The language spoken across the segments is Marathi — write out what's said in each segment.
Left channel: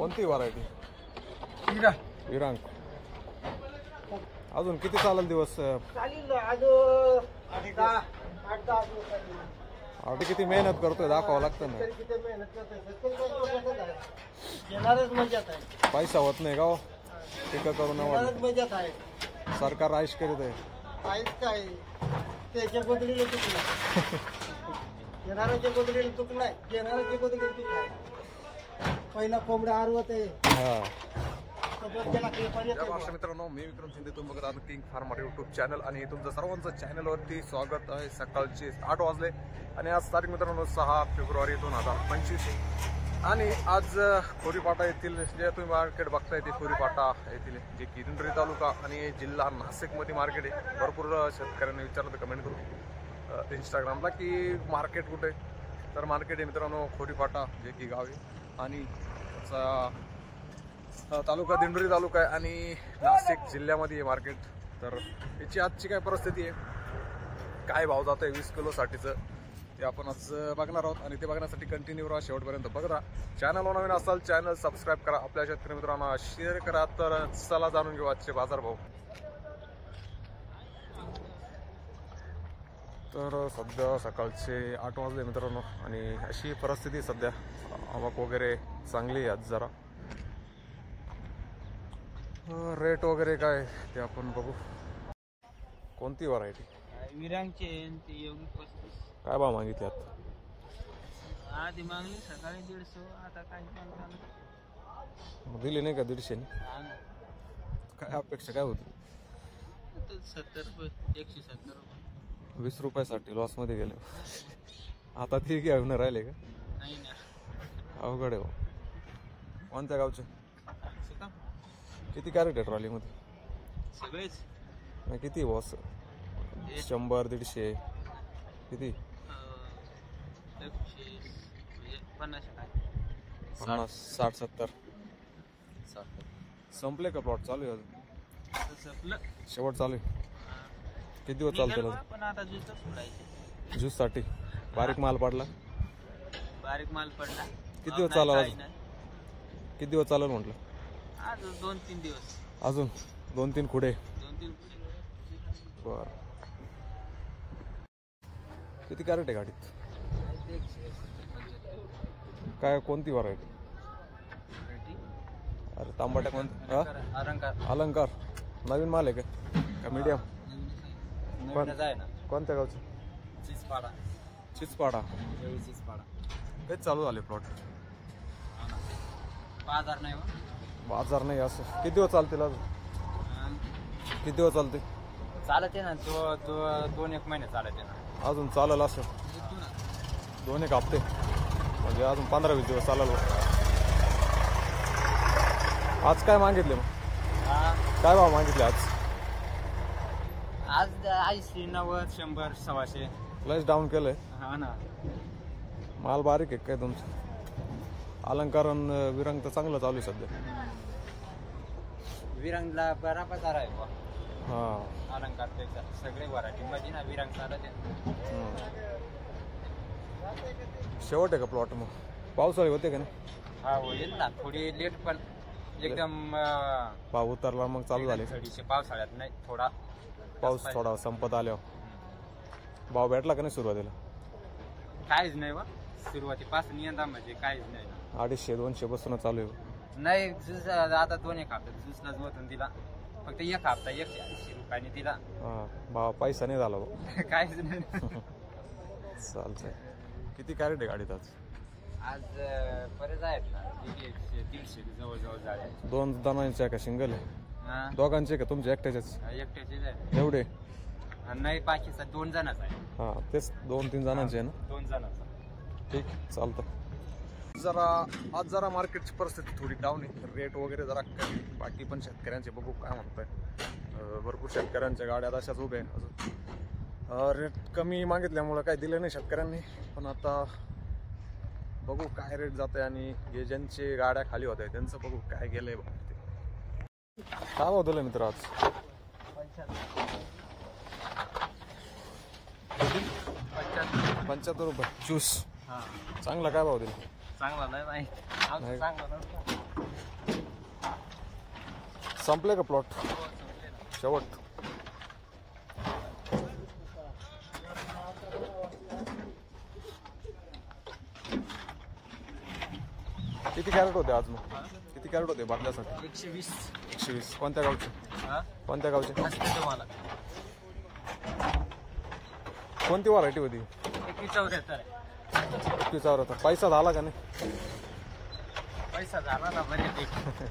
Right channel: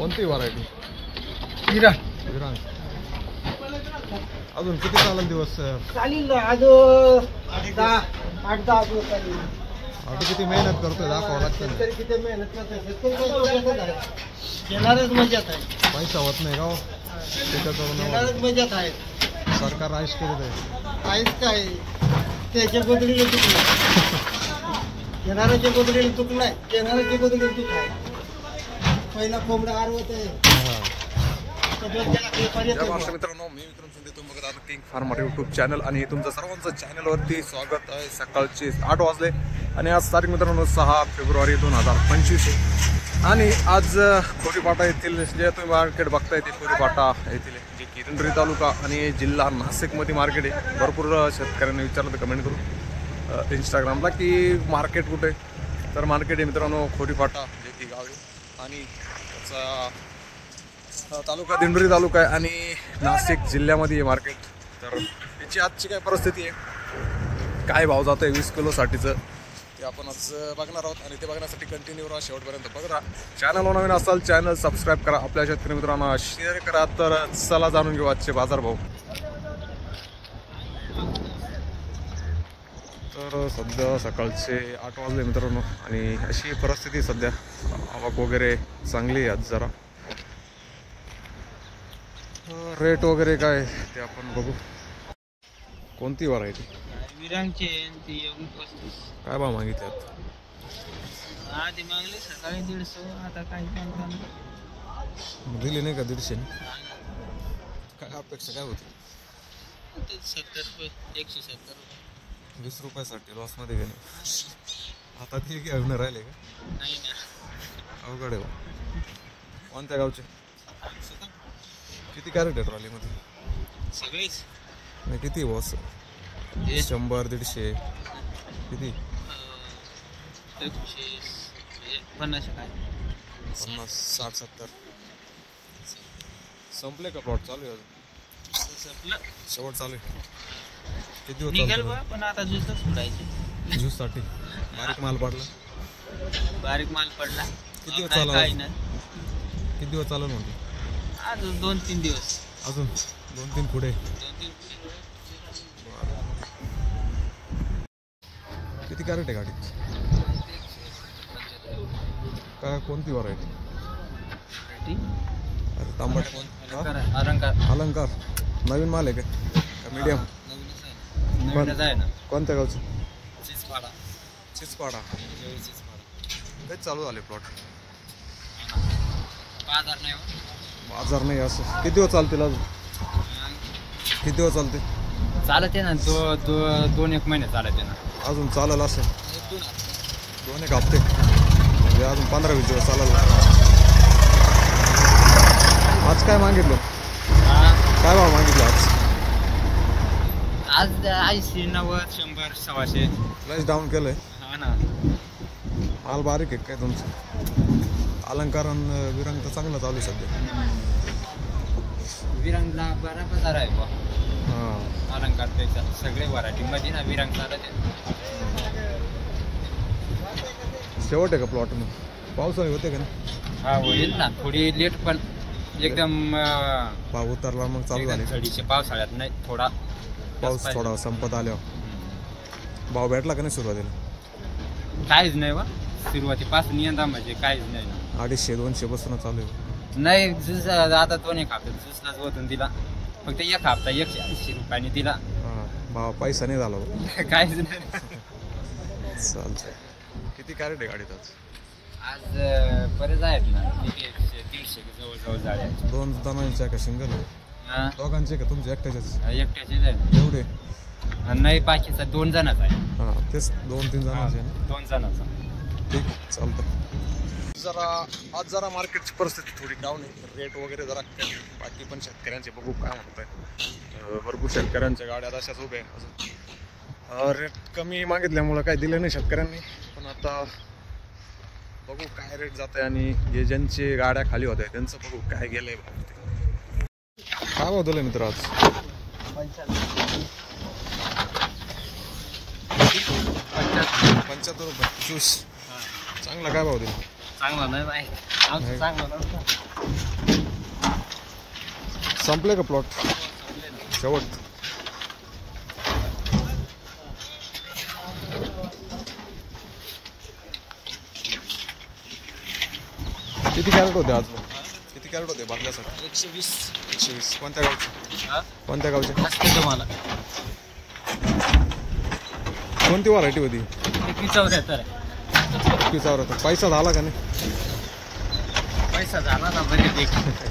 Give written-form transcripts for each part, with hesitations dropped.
कोणती व्हरायटी? विरांग. अजून किती चालेल दिवस? चालेल आज 8-10 दिवस चालेल. आता किती मेहनत करतोय दाखवावं लागतं ना. किती मेहनत करतोय. येणारच मजात आहे. पैसा होत नाही का हो त्याच्याकडून? येणारच मजात आहे. सरकार आयुष करीत आहे. काहीच काय त्याच्या गोदडीला चुकलं. येणाऱ्याच्या गोदडीला चुकलाय. येणाऱ्याच्या गोदडीला चुकलाय. पहिला कोंबडा आरवत आहे. मित्रांनो, मी विक्रम शिंदे, तुम्ही बघत आहात किंग फार्मर यूट्यूब चॅनल आणि तुमचं सर्वांचं चॅनलवरती स्वागत आहे. सकाळचे 8 वाजले आणि आज तारीख मित्रांनो 6 फेब्रुवारी 2025 आणि आज खोरीपाटा येथील जे तुम्ही मार्केट बघताय ते खोरीपाटा येथील जे की दिंडोरी तालुका आणि जिल्हा नाशिकमध्ये मार्केट आहे. भरपूर शेतकऱ्यांनी विचारलं तर कमेंट करू इंस्टाग्रामला की मार्केट कुठे, तर मार्केट आहे मित्रांनो खोरीपाटा जे की गाव आहे आणि त्याचा तालुका दिंडोरी तालुका आहे आणि नाशिक जिल्ह्यामध्ये आहे मार्केट. तर याची आजची काय परिस्थिती आहे, काय भाव जातो आहे 20 किलोसाठीचं ते आपण आज बघणार आहोत आणि ते बघण्यासाठी कंटिन्यू राहा शेवटपर्यंत बघत राहा. चॅनलवर नवीन असाल चॅनल सबस्क्राईब करा, आपल्या शेतकरी मित्रांना शेअर करा. तर चला जाणून घेऊ आजचे बाजारभाव. तर सध्या सकाळचे 8 वाजले मित्रांनो आणि अशी परिस्थिती सध्या. आवक वगैरे चांगली आहे आज जरा. रेट वगैरे काय ते आपण बघू. कोणती व्हरायटी? विरांगचे योगी 35. काय भाव मागितले आता? आधी मागले सकाळी 150. आता काही दिली नाही का 150? काय अपेक्षा काय होती? 70 रुपये, 170 रुपये. 20 रुपयासाठी लॉसमध्ये गेले. आता ते घेऊन राहिले का? नाही ना, अवघड आहे. कोणत्या गावचे? किती कॅरेट आहे ट्रॉलीमध्ये? सगळेच नाही किती बॉस? 100-150 किती? 50 काय? 50, 60, 70 संपले का? प्लॉट चालू आहे अजून? संपलं, शेवट चालू आहे. किती दिवस चालतो? पण आता ज्यूसच सोडायचे. ज्यूससाठी बारीक माल पडला. बारीक माल पडला. किती दिवस चालला? किती दिवस चालवलं म्हटलं? अजून 2-3 दिवस. अजून 2-3 पुढे. 2-3 बरं. किती कॅरेट आहे गाडीत? काय कोणती व्हरायटी? अरे तांबटा कोणता? अलंकार. नवीन माल आहे का मीडियम? कोणत्या गावचं? चिचपाडा. तेच चालू झाले प्लॉट. बाजार नाही असं. किती दिवस चालतील अजून? किती दिवस चालते? चालते ना, 2-1 महिने चालते ना. अजून चालेल असं 2-1 हप्ते म्हणजे अजून 15-20 दिवस चालेल. आज काय मागितलं? काय भाव मागितले आज? आज 80, 90, 100, 100. लयच डाऊन केलंय. हा ना, माल बारीक आहे काय तुमचं? अलंकार विरांग तर चांगलं चालू आहे सध्या. विरांगला बरा बाजार आहे बा. हां, अलंकारपेक्षा सगळे व्हरायटीमध्ये ना विरांग चालत आहे. शेवट आहे का प्लॉट? मग पावसाळी होते का ना? हा होईल ना, थोडी लेट पण एकदम भाव उतरला मग चालू झाले. थोडीशी पावसाळ्यात नाही, थोडा पाऊस थोडा संपत आल्यावर भाव भेटला का नाही सुरुवातीला? काहीच नाही बा, सुरुवातीपासून यंदा म्हणजे काहीच नाही. 250-200 बसून चालू आहे. नाही ज्यूस आता 2-1 हप्ते ज्यूसलाच वतून दिला. फक्त 1 हप्ता 180 रुपयाने दिला. हां, भाव पैसा नाही झाला. काहीच नाही. चालतंय. किती कॅरेट आहे गाडीत आज? आज बरेच आहेत ना, 150 जवळजवळ झाले. 2 जणांचे आहे का सिंगल? दोघांचे का तुमचे एकट्याचेच? एकट्याचेच आहे. एवढे नाही, बाकीचा 2 जणांचा आहे. हां, तेच 2-3 जणांचे आहे ना. 2 जणांचा. ठीक, चालतं. आज जरा मार्केटची परिस्थिती थोडी डाऊन आहे. रेट वगैरे जरा कमी. बाकी पण शेतकऱ्यांचे बघू काय म्हणत आहे. भरपूर शेतकऱ्यांच्या गाड्या अशाच उभ्या आहे. अजून रेट कमी मागितल्यामुळं काय दिलं नाही शेतकऱ्यांनी. पण आता बघू काय रेट जात आहे आणि जे ज्यांचे गाड्या खाली होत आहे त्यांचं बघू काय गेलं आहे भाव. ते काय भाव दिलं मित्र आज? 75 रुपये ज्यूस. चांगला काय भाव दिला? चांगला नाही आमचं चांगलं नव्हतं. संपले का प्लॉट शेवट? किती कॅरेट होते आज मग? किती कॅरेट होते बाटल्यासाठी? 120. 120. कोणत्या गावचे? कोणत्या गावचे? असते तुम्हाला कोणती व्हरायटी होती? 74. 74. पैसा झाला का नाही? पैसा झाला ना बरे.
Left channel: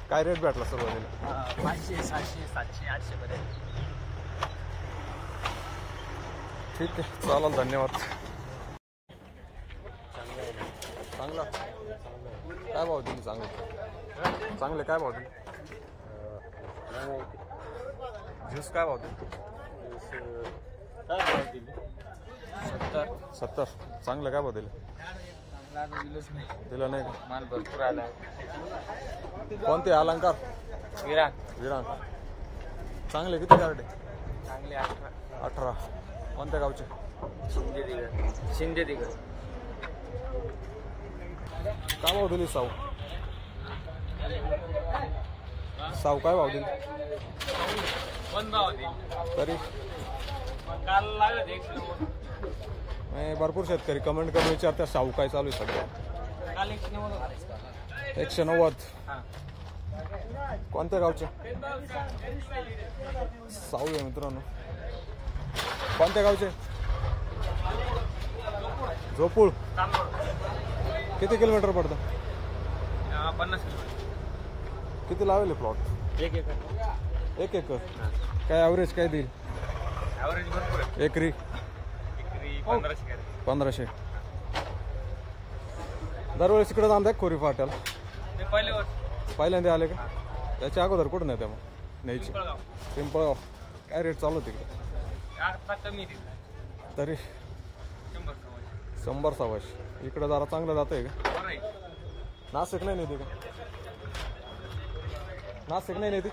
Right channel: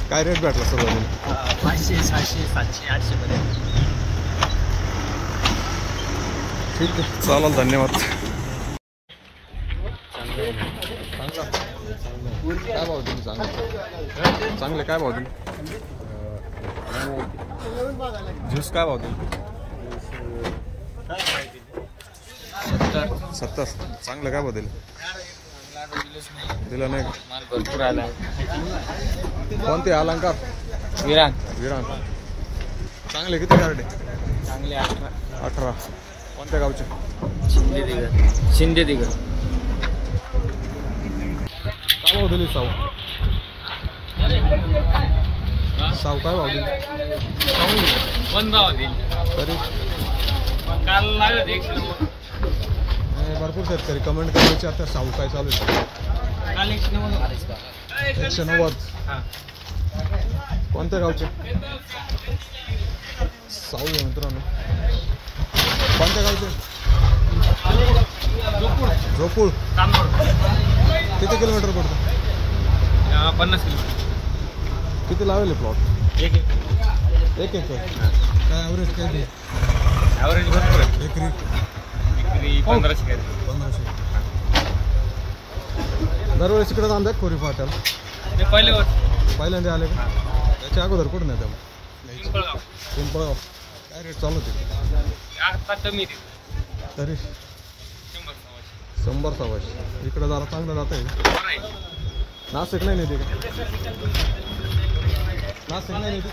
काय रेट भेटला सुरुवातीला? 500, 600, 700, 800 पर्यंत. ठीक आहे, चालेल, धन्यवाद. चांगला काय भाव दिली? चांगले काय भाव दिली? ज्यूस काय भाव दिली? 70. चांगलं काय भाव दिले? दिलं नाही का? माल भरपूर आला. कोणते? अलंकार, विरांग. चांगले किती कॅरेट आहे? चांगले 18. 18. कोणत्या गावचे? शिंदे दिगर. काय भाव दिली साऊ? काय भाव दिली? बंद भाव दिली. तरी काल लागत 100. भरपूर शेतकरी कमेंट करायचे आता साऊ काय चालू आहे? काल 190. 190. कोणत्या गावचे? साऊ आहे मित्रांनो. कोणत्या गावचे? झोपूळ. किती किलोमीटर पडतं? 50 किलोमीटर. किती लावले प्लॉट? 1 एकर. 1 एकर. काय ॲव्हरेज काय दे? ॲव्हरेज भरपूर आहे. एकरी 1500. 1500. दरवेळेस इकडे आणतात खोरी फाट्याला? ते पहिले वर्ष पहिल्यांदा आले का? त्याच्या अगोदर कुठं नाही त्यामुळे नाही. पिंपळगाव. काय रेट चालू होते? आता कमी देऊ. तरी 100 100. इकडं जरा चांगलं जातं आहे का? नाशिक नाही नेते का? नाशिक नाही नेते?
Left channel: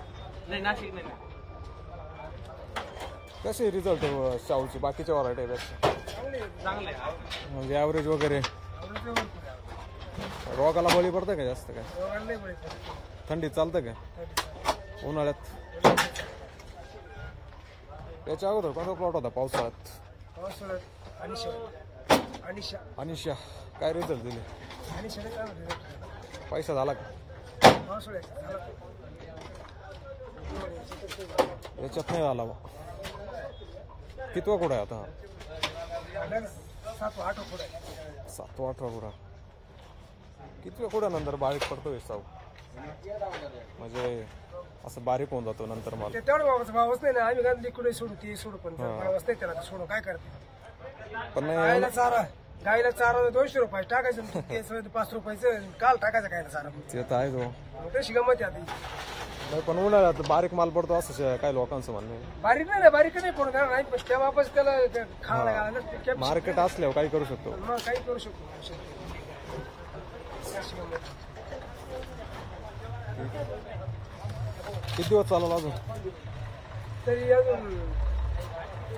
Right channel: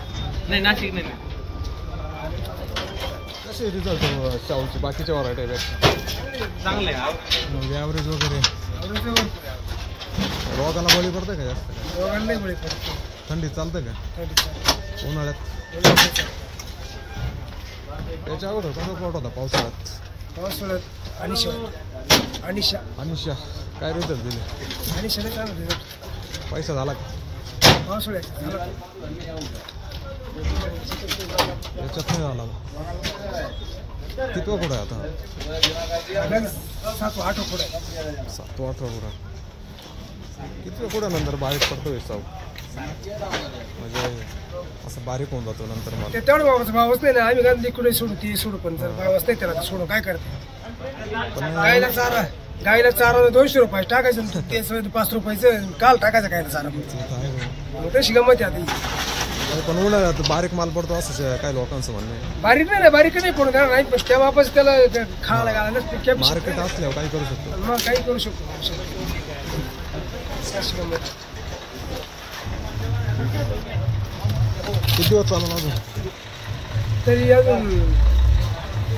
नाही, नाशिक नाही. कसे रिझल्ट शाहूची बाकीच्या व्हरायटी पेक्षा? चांगले आहे. म्हणजे ॲव्हरेज वगैरे रोगाला बळी पडतं का जास्त? का थंडीत चालतं का? उन्हाळ्यात? त्याच्या अगोदर कसा प्लॉट होता पावसाळ्यात? अनिशा. काय रिझल्ट दिले? पैसा झाला का? याच्यात नाही झाला का? कितवा कुठं आहे आता? 7-8 पुढे. 7-8 कुठं? कितव्या कुठं नंतर बारीक पडतो साऊ? म्हणजे असं बारीक होऊन जातो नंतर मला. तेवढं भावच नाही ना. आम्ही गांधी कुठे सोडू ती सोडू पण भावच नाही त्याला. सोडून काय करते? पण गायला चारा 200 रुपये टाकायचं. ते 5 रुपयाचं काल टाकायचं गायला चारा. ते तर आहे गो. मग तशी गमत आहे आता. पण उन्हाळ्यात बारीक माल पडतो असं काय लोकांचं म्हणणं आहे. बारीक नाही पडून देणार नाही. पण त्या वापस त्याला खायला घालायला मार्केट असल्यावर काही करू शकतो. मग काही करू शकतो. किती दिवस चालू अजून? तरी अजून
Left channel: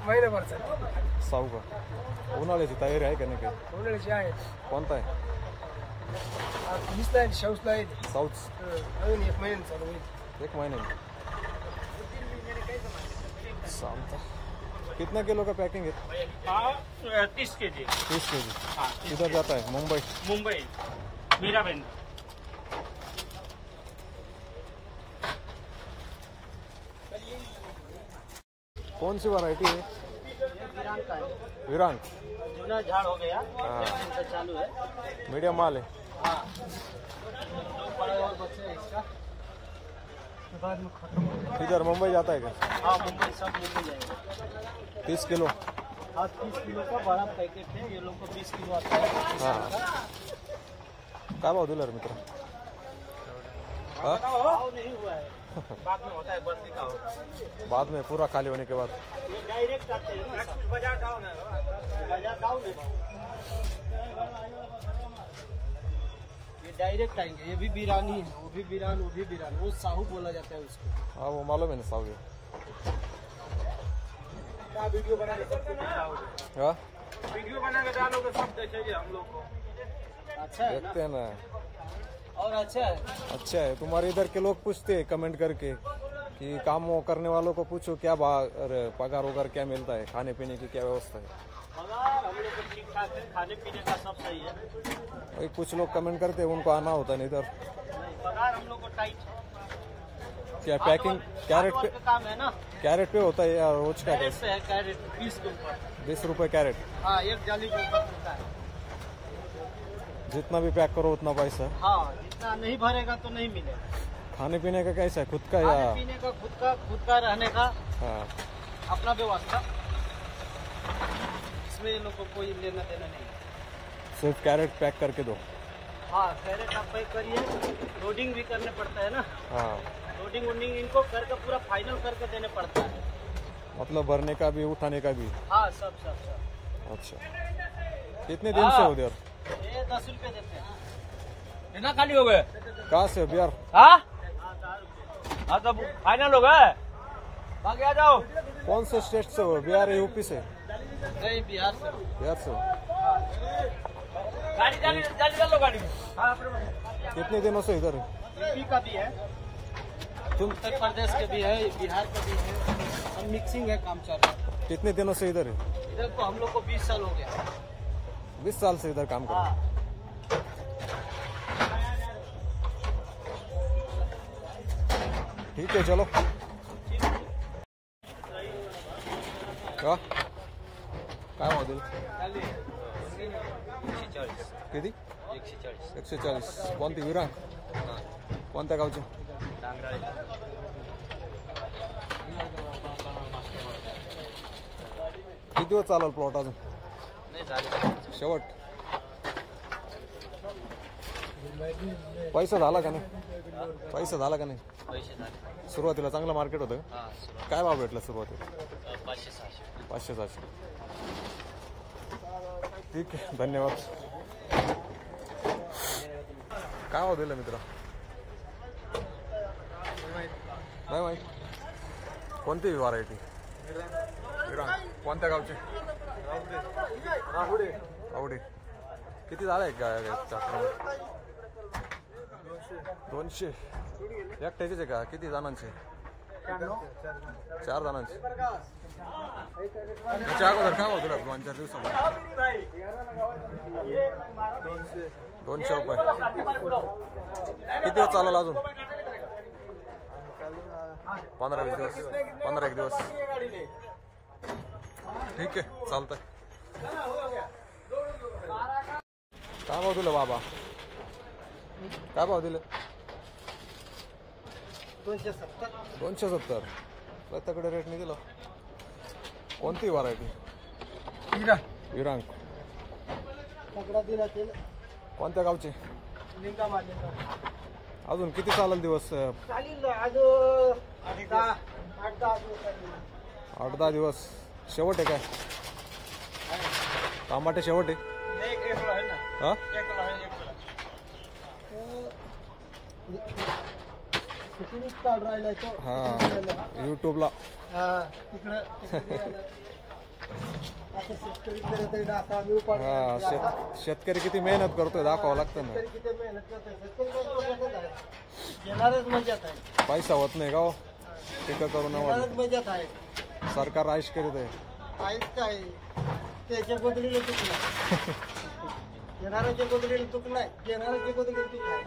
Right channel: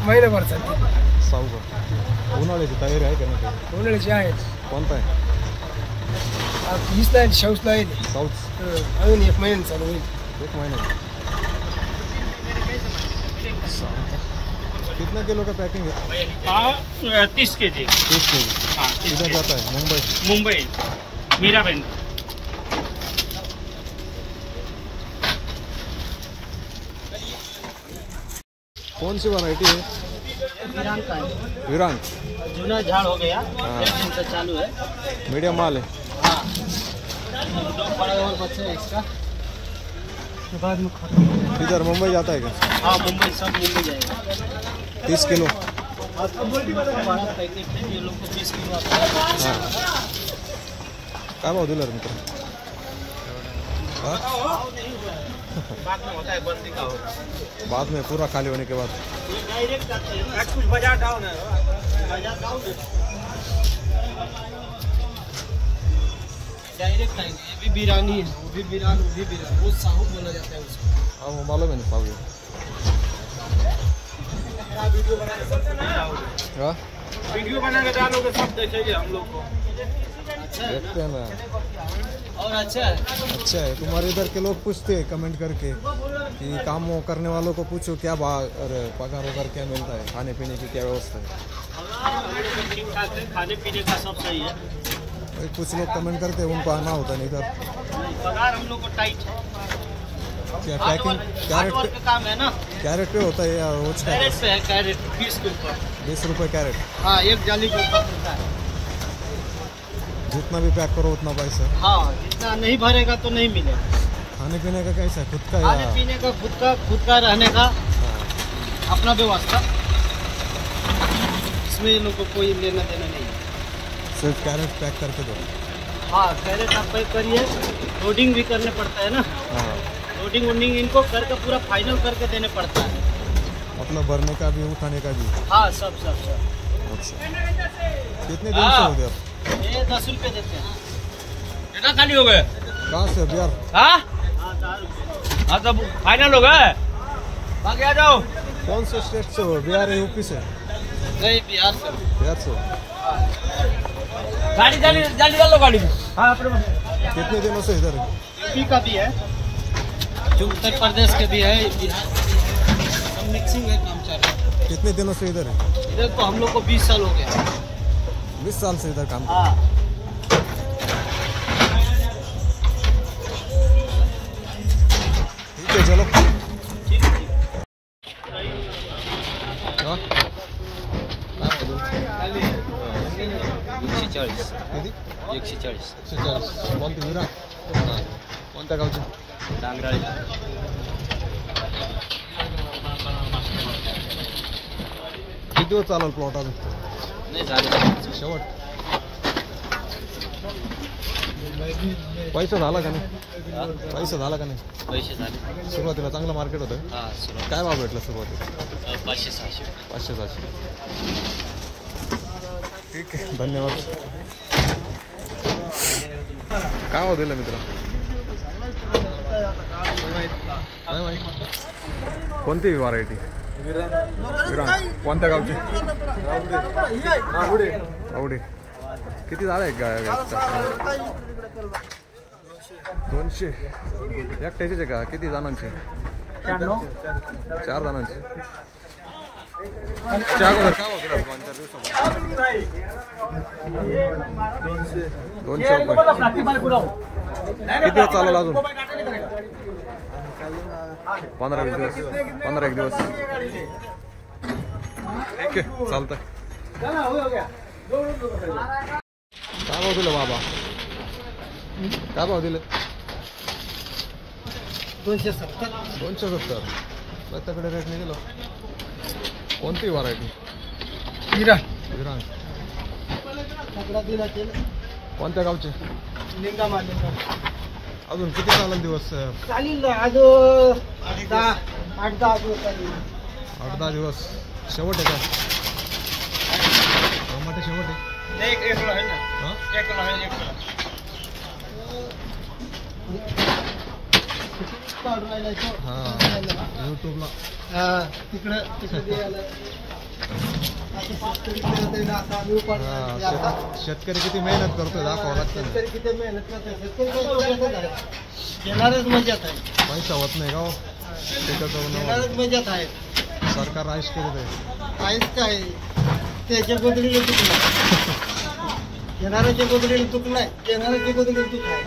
महिनाभर चालते. साऊ का? उन्हाळ्याची तयारी आहे का नाही? उन्हाळ्याची आहे. कोणता आहे? हीच नाही, शाऊच नाही. साऊथ. अजून 1 महिन्याने चालू होईल. 1 महिना. कितना किलो का पैकिंग है? 30 kg. 30 kg. किधर जाता है? मुंबई मीराबेन. कौन सी वैरायटी है? विरांग. जूना झाड़ हो गया. हाँ. 1 दिन से चालू है. मीडियम माल है. हाँ. 2 बड़ा और बच्चे हैं इसका. बाद में खत्म हो जाएगा. इधर मुंबई जाता है क्या? हाँ, मुंबई सब मुंबई जाएगा. 30 किलो. हाँ, 30 किलो का बड़ा पैकेट है. ये लोग को 30 किलो आता है. हाँ. काय भाव दिला रे मित्र? हाँ? बाद में होता है, बंदी का होगा. बाद में पूरा खाली होने के बाद. डायरेक्ट आते हैं. आज कुछ बाजार डाउन है. बाजार डाउन है. डायरेक्ट आएंगे. ये भी बिरानी है. वो भी बिरान, वो भी बिरान. वो साहू बोला जाता है उसको. हाँ वो मालूम है ना साहू. वीडियो बनाने सबको ना. हाँ? वीडियो बना के डालोगे सब देखेंगे हम लोग को। देखते हैं ना। और अच्छा है। अच्छा है। तुम्हारे इधर के लोग पूछते हैं कमेंट करके कि काम वो करने वालों को पूछो क्या अरे पगार वगार क्या मिलता है, खाने पीने की क्या व्यवस्था है। ठीक ठाक है, खाने पीने का सब सही है। भाई कुछ लोग कमेंट करते हैं उनको आना होता नहीं इधर। पगार हम लोग को टाइट है। क्या पैकिंग कैरेट का काम है ना। कैरेट पे होता है या रोज का? कैरेट पे है, कैरेट 20 के ऊपर। 20 रुपये कैरेट। हाँ, एक जाली के ऊपर मिलता है। जितना भी पैक करो उतना पैसा। हाँ, जितना नहीं भरेगा तो नहीं मिलेगा। खाने पीने का कैसा है, खुद का खाने या? पीने का खुद का रहने का हाँ। अपना व्यवस्था। इसमें इन लोग को कोई लेना देना नहीं है। सिर्फ कैरेट पैक करके दो। हाँ, कैरेट आप पैक करिए, लोडिंग भी करने पड़ता है ना। हाँ, लोडिंग वोडिंग इनको करके पूरा फाइनल करके देने पड़ता है। मतलब भरने का भी उठाने का भी। हाँ, सब। अच्छा, कितने दिन से हो गए? ये 10 रुपये देते हैं। कितना खाली हो गए? कहाँ से बिहार? हाँ, 10 रुपये। हाँ, तब फाइनल हो गए। बाकी आ जाओ। कौन से स्टेट से हो? बिहार या यूपी से? नहीं, बिहार से। बिहार से। गाड़ी जाली डालो गाड़ी में। हाँ, अपने कितने दिनों से इधर? यूपी का भी है, उत्तर प्रदेश के भी है, बिहार के भी है। सब मिक्सिंग है, काम चल रहा है। कितने दिनों से इधर है? इधर तो हम लोग को 20 साल हो गया। 20 साल से इधर काम कर। हाँ। ठीक है, चलो। हाँ? काय मधून? 140. किती? 140. 140. कोणती विरा? कोणत्या गावची? डांगराळी. किती दिवस चालेल प्लॉट अजून? नाही झाले. शेवट. पैसा झाला का नाही? पैसा झाला का नाही? पैसे झाले. सुरुवातीला चांगलं मार्केट होतं. हा, सुरुवात काय भाव भेटला सुरुवातीला? 500-600. 500-700. ठीक आहे, धन्यवाद. काय भाव दिला मित्र? नाही माहीत. कोणती व्हरायटी? विरांग. कोणत्या गावची? आवडे. किती झाला आहे गायचा? 200. एकट्याचेच आहे का? किती जणांचे? 4 जणांचे. त्या अगोदर काय होतं 2-4 दिवसामध्ये? 200 रुपये. किती दिवस चालेल अजून? 15-20 दिवस. 15-1 दिवस. ठीक आहे, चालतंय. काय भाव दिलं बाबा? काय भाव दिले? 270. 270. त्याकडे रेट नाही दिलं. कोणती व्हरायटी? विरांग. कोणत्या गावचे? लिंगामा. अजून किती चालेल दिवस? चालेल आज 8-10 दिवस चालेल. 8-10 दिवस. शेवट आहे का? टमाटे शेवट आहे? एक किलो है ना. हा? 1 किलो है, 1 किलो. हा, यूट्यूबला. शेतकरी किती मेहनत करतोय दाखवावं लागतं ना. किती मेहनत करते. येणारच मजात आहे. पैसा होत नाही का हो? येणारच मजात आहे. सरकार राईस करीत आहे. काहीच काय त्याच्या गोदडीला चूक नाही. येणाऱ्याच्या गोदडीला चूक नाही, येणाऱ्याच्या गोदडीला चूक आहे.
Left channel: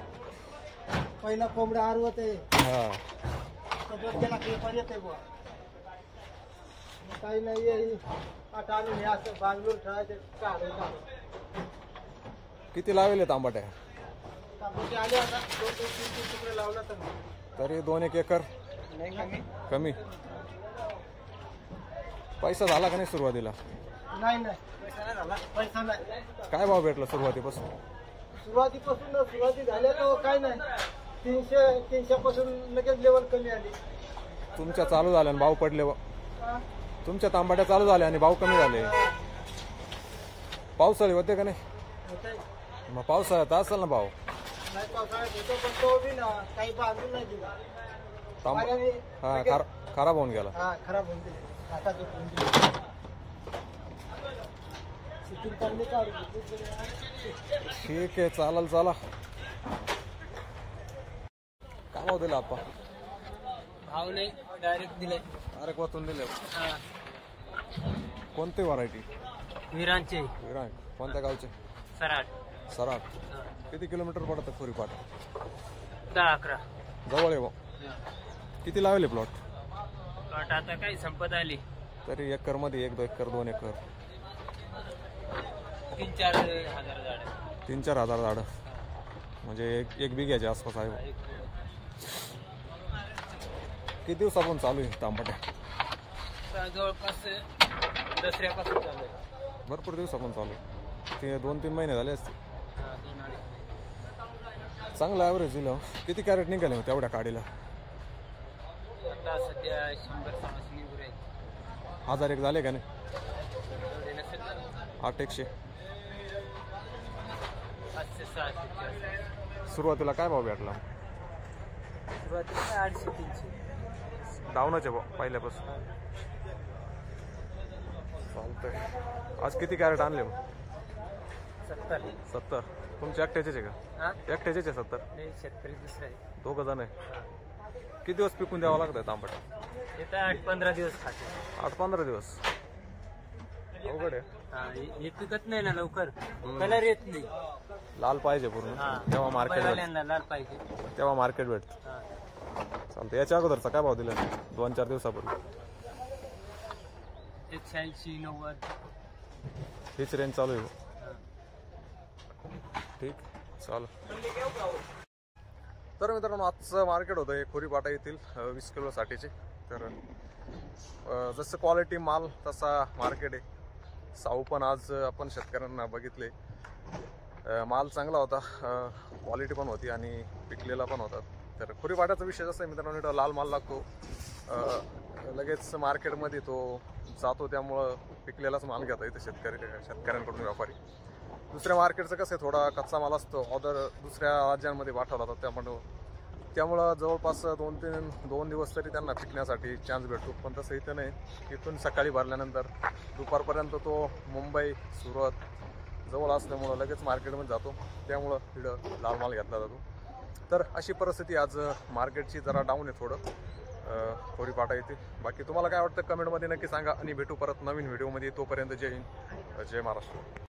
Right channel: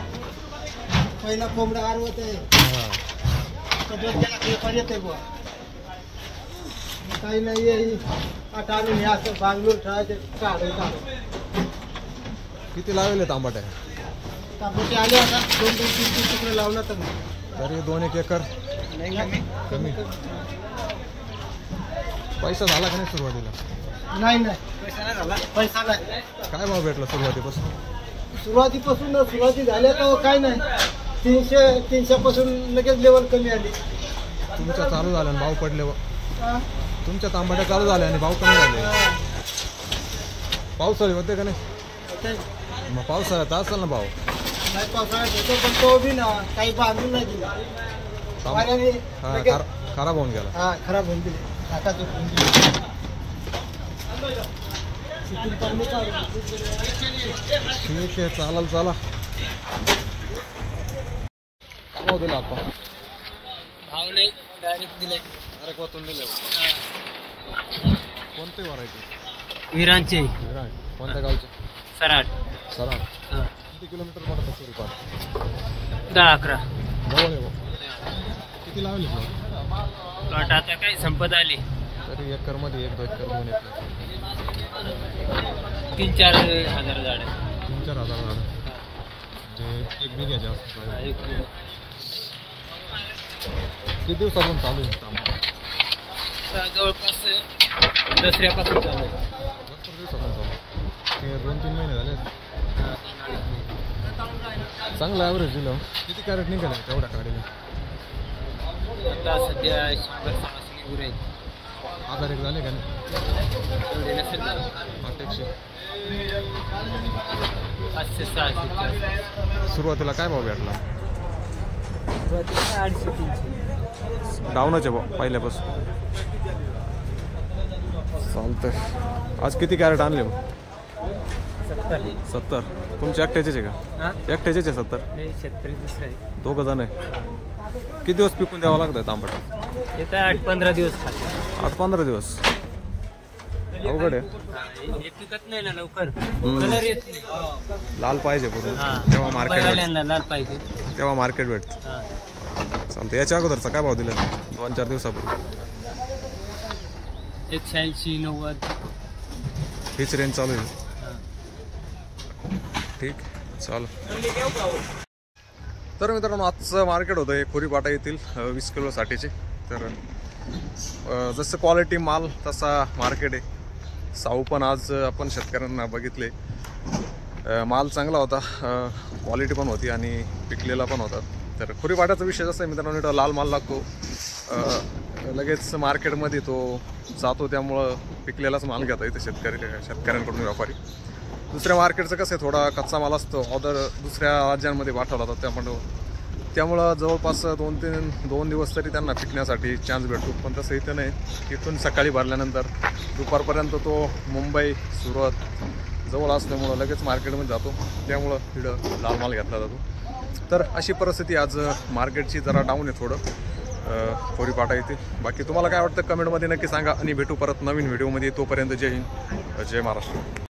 पहिला कोंबडा आरवत आहे. हा, सगळं त्याला पेपर येते बुवा. काही नाही आता आणून हे असं बांगलोर ठेवायचे काढून. किती लावले तांबट आहे? तांबटे आले आता 2-3 तुकडे लावला तर तरी 2-1 एकर नाही कमी. पैसा झाला का नाही सुरुवातीला? नाही पैसा नाही झाला. पैसा नाही. काय भाव भेटला सुरुवातीपासून? सुरुवाती झाल्या तर काय नाही. 300 पासून लगेच लेवल कमी आली. तुमच्या चालू झाल्या आणि भाव पडले. तुमच्या तांबट्या चालू झाल्या आणि भाव कमी झाले. पावसाळी होते का नाही? मग पावसाळ्यात असेल ना भाव? नाही, पावसाळ्यात होतो पण तो बी ना काही बांधून नाही दिला. हा, खराब होऊन गेला. हा, खराब होऊन दिले. आता शूटिंग चालू काढू. ठीक आहे, चालेल. चला, काय भाव दिला आपण? भाव नाही, डायरेक्ट दिले. अरे कोतून दिले. कोणती व्हरायटी? विरांचे विराट. कोणत्या गावचे? सराट. सराट. किती किलोमीटर पडतं खोरीपाट? 10-11. जवळ आहे भाऊ. किती लावले प्लॉट? प्लॉट आता काही संपत आली. तरी एकरमध्ये 1-2 एकर 2 एकर 3-4 हजार झाड. 3-4 हजार झाडं, म्हणजे एक बिघ्याच्या आसपास आहे. किती दिवसापासून चालू आहे तांबा? जवळपास दसऱ्यापासून चालू आहे. भरपूर दिवसापासून चालू आहे. ते 2-3 महिने झाले. चांगलं ॲव्हरेज दिलं. किती कॅरेट निघालं तेवढ्या काडीला? आता सध्या 100-150 निघू राहील. 1000 एक झाले का नाही? एवढे नसेल झालं. 800. 500-600. सुरुवातीला काय भाव भेटला? सुरुवातीला 250-300. डाऊनच आहे भाऊ पहिल्यापासून. चालतंय. आज किती कॅरेट आणले मग? 70. तुमचे एकट्याचेच आहे का? एकट्याचेच आहे 70? शेतकरी दुसरं आहे. 2 जण आहे. किती दिवस पिकून द्यावं लागतं तांबट? येतं 8-15 दिवस खाते. 8-15 दिवस. अवघड आहे. हे पिकत नाही ना लवकर. कलर येत नाही. लाल पाहिजे पूर्ण, तेव्हा मार्केट भेटतं. लाल पाहिजे तेव्हा मार्केट भेटतं. चालतं. याच्या अगोदरचा काय भाव दिला 2-4 दिवसापूर्वी? 180-90. हीच रेंज चालू आहे. ठीक, चाल. तर मित्रांनो, आजचं मार्केट होतं हे खोरीपाटा येथील 20 किलोसाठीचे. तर जसं क्वालिटी माल तसा मार्केट आहे. साऊ पण आज आपण शेतकऱ्यांना बघितले. माल चांगला होता, क्वालिटी पण होती आणि पिकलेला पण होता. तर खोरीपाट्याचा विषय जसा आहे मित्रांनो, इथं लाल माल लागतो, लगेच मार्केटमध्ये तो जातो, त्यामुळं पिकलेलाच माल घेता येतं शेतकऱ्यांकडून व्यापारी. दुसऱ्या मार्केटचं कसं आहे, थोडा कच्चा माल असतो, ऑर्डर दुसऱ्या राज्यांमध्ये पाठवला जातो, त्यामुळं जवळपास 2 दिवस तरी त्यांना पिकण्यासाठी चान्स भेटतो. पण तसं इथं नाही. इथून सकाळी भरल्यानंतर दुपारपर्यंत तो मुंबई, सुरत जवळ असल्यामुळं लगेच मार्केटमध्ये जातो, त्यामुळं इकडं लाल माल घेतला जातो. तर अशी परिस्थिती आज मार्केटची जरा डाऊन आहे थोडं खोरीपाटा येते. बाकी तुम्हाला काय वाटतं कमेंटमध्ये नक्की सांगा आणि भेटू परत नवीन व्हिडिओमध्ये. तोपर्यंत जय हिंद, जय महाराष्ट्र.